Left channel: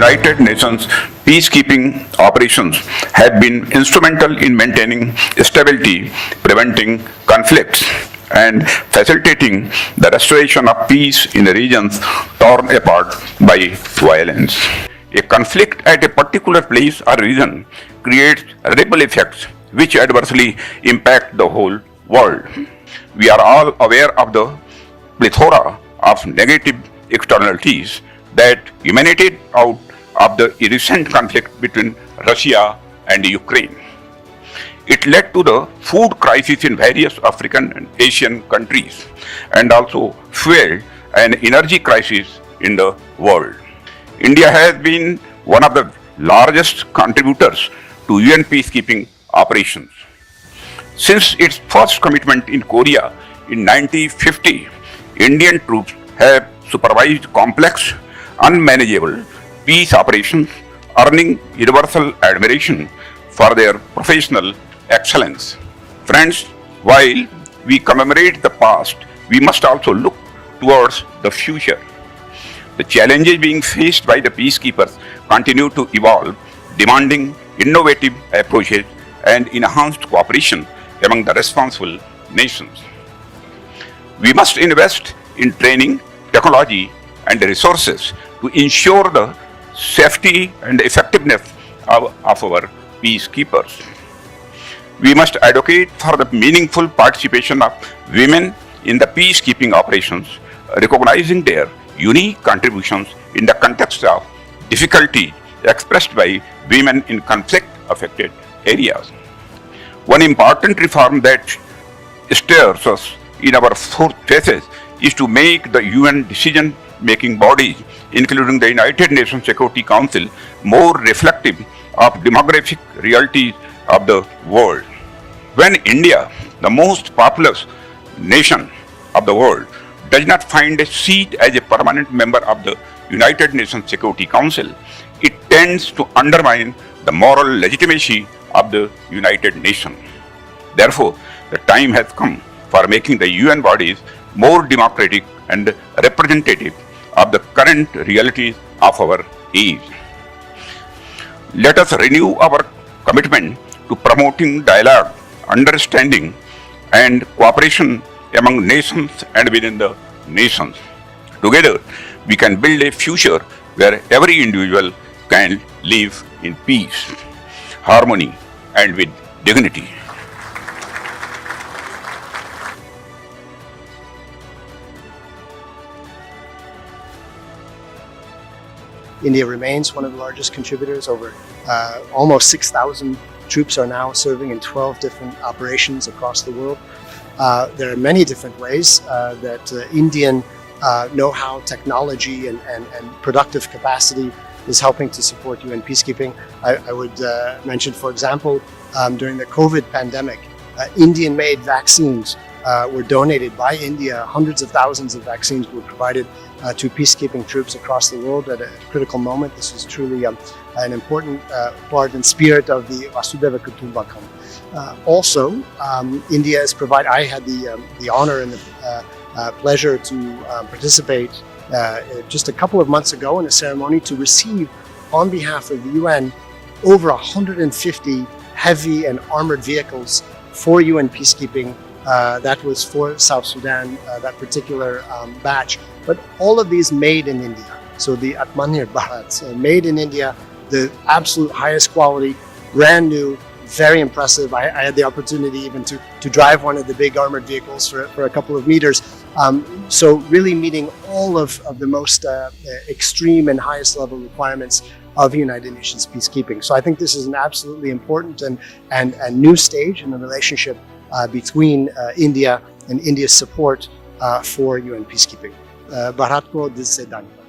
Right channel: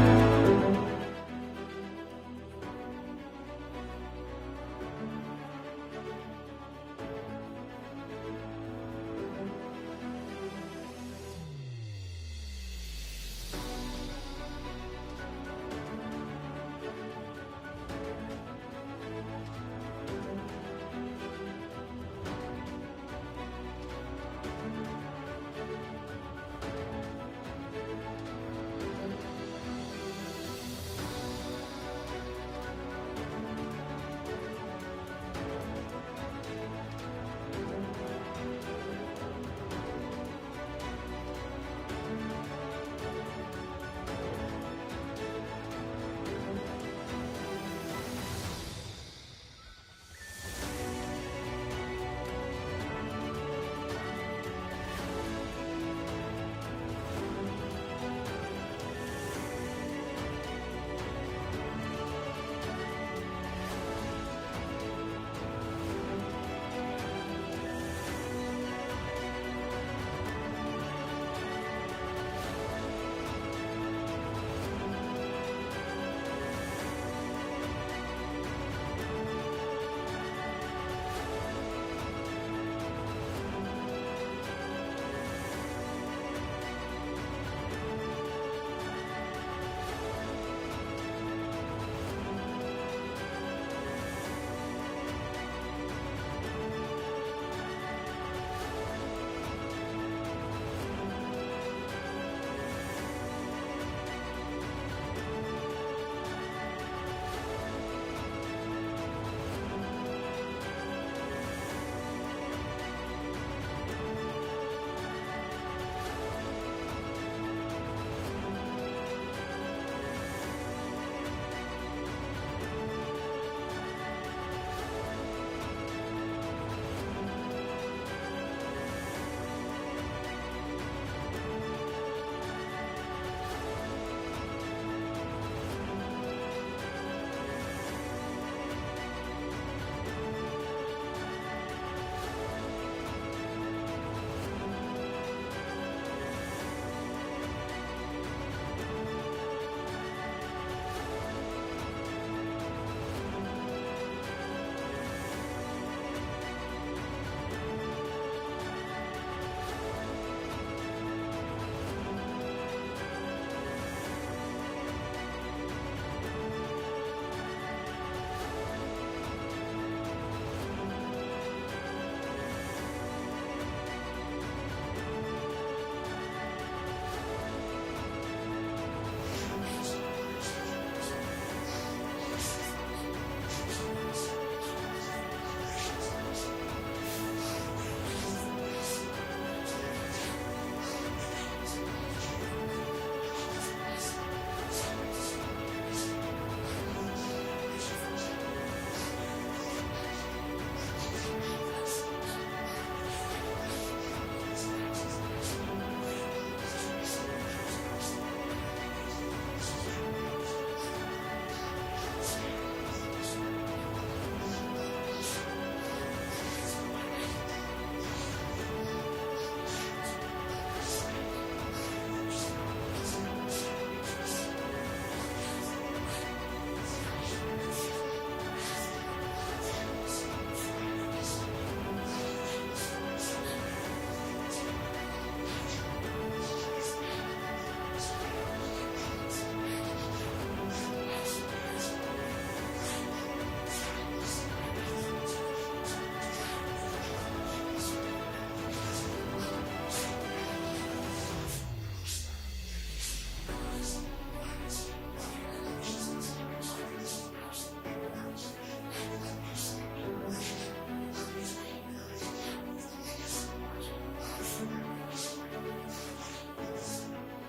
United Nations peacekeeping operations have been instrumental in maintaining stability, preventing conflicts, and facilitating the restoration of peace in regions torn apart by violence. A conflict at a particular place or region creates ripple effects which adversely impact the whole world. We are all aware of the plethora of negative externalities that emanated out of the recent conflict between Russia and Ukraine. It led to the food crisis in various African and Asian countries and also fueled an energy crisis in the world. India has been one of the largest contributors to UN peacekeeping operations. Since its first commitment in Korea in 1950, Indian troops have supervised complex, unmanageable peace operations, earning universal admiration for their professional excellence. Friends, while we commemorate the past, we must also look towards the future. The challenges being faced by the peacekeepers continue to evolve, demanding innovative approaches and enhanced cooperation among the responsible nations. We must invest in training, technology, and resources to ensure the safety and effectiveness of our peacekeepers. We must advocate for the meaningful participation of women in the peacekeeping operations, recognizing their unique contributions in the context of difficulty expressed by women in conflict-affected areas. One important reform that stirs us in our fourth phases is to make the UN decision-making bodies, including the United Nations Security Council, more reflective of demographic realities of the world. When India, the most populous nation of the world, does not find a seat as a permanent member of the United Nations Security Council, it tends to undermine the moral legitimacy of the United Nations. Therefore, the time has come for making the UN bodies more democratic and representative of the current realities of our age. Let us renew our commitment to promoting dialogue, understanding, and cooperation among nations and within the nations. Together, we can build a future where every individual can live in peace, harmony, and with dignity. India remains one of the largest contributors. Over almost 6,000 troops are now serving in 12 different operations across the world. There are many different ways that Indian know-how, technology, and productive capacity is helping to support UN peacekeeping. I would mention, for example, during the COVID pandemic, Indian-made vaccines were donated by India. Hundreds of thousands of vaccines were provided to peacekeeping troops across the world at a critical moment. This was truly an important part and spirit of the Vasudhaiva Kutumbakam. Also, India has provided. I had the honor and the pleasure to participate just a couple of months ago in a ceremony to receive, on behalf of the UN, over 150 heavy and armored vehicles for UN peacekeeping. That was for South Sudan, that particular batch. But all of these made in India. So the Atmanirbhar Bharat, made in India, the absolute highest quality, brand new, very impressive. I had the opportunity even to drive one of the big armored vehicles for a couple of meters. So really meeting all of the most extreme and highest level requirements of United Nations peacekeeping. So I think this is an absolutely important and new stage in the relationship between India and India's support for UN peacekeeping. Bharat ko dil se dhanyavad.